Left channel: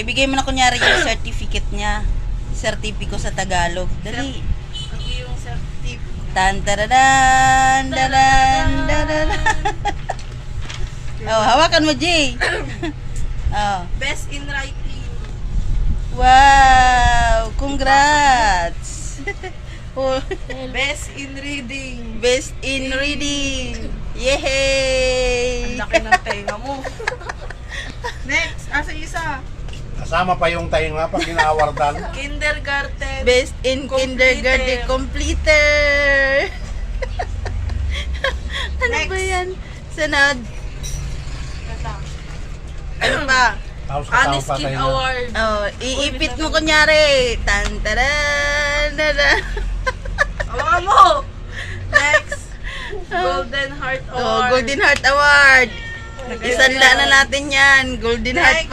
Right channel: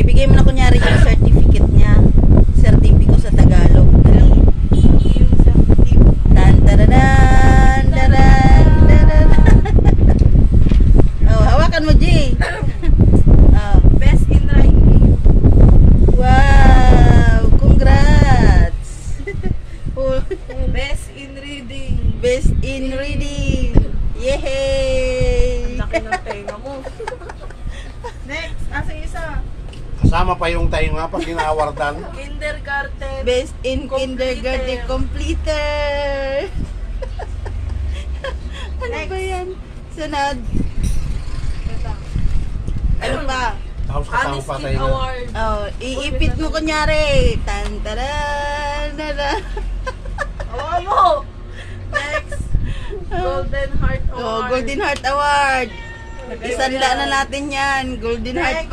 ibigay mo na kunyari yung certificate niya. Certificate sa Tagalog. Dali. Yung certificate. Tan taradan, dadan, dadan. Oh, hawakan mo, Jay. Oh. Best in writing. Wow! Congrats! Oh, Best in reading. best in reading! Yay! Ang laki ng tenga mo. Next, asa isa? Kasama pa yung tayo nga pag ginaawardan. Kindergarten. Best in Completer. kindergarten completer! Ano Next. ba yan? Sunod. Ito. Ano pa? Tapos kasama Honest pa Kid tayo na. Award. Oh, iipit mo kunyari. Tan taran, dadan. Awa mo! Next, Golden Heart Award. Oh, Golden Heart Award. Isanla na natin yan. Golden Heart Next. pa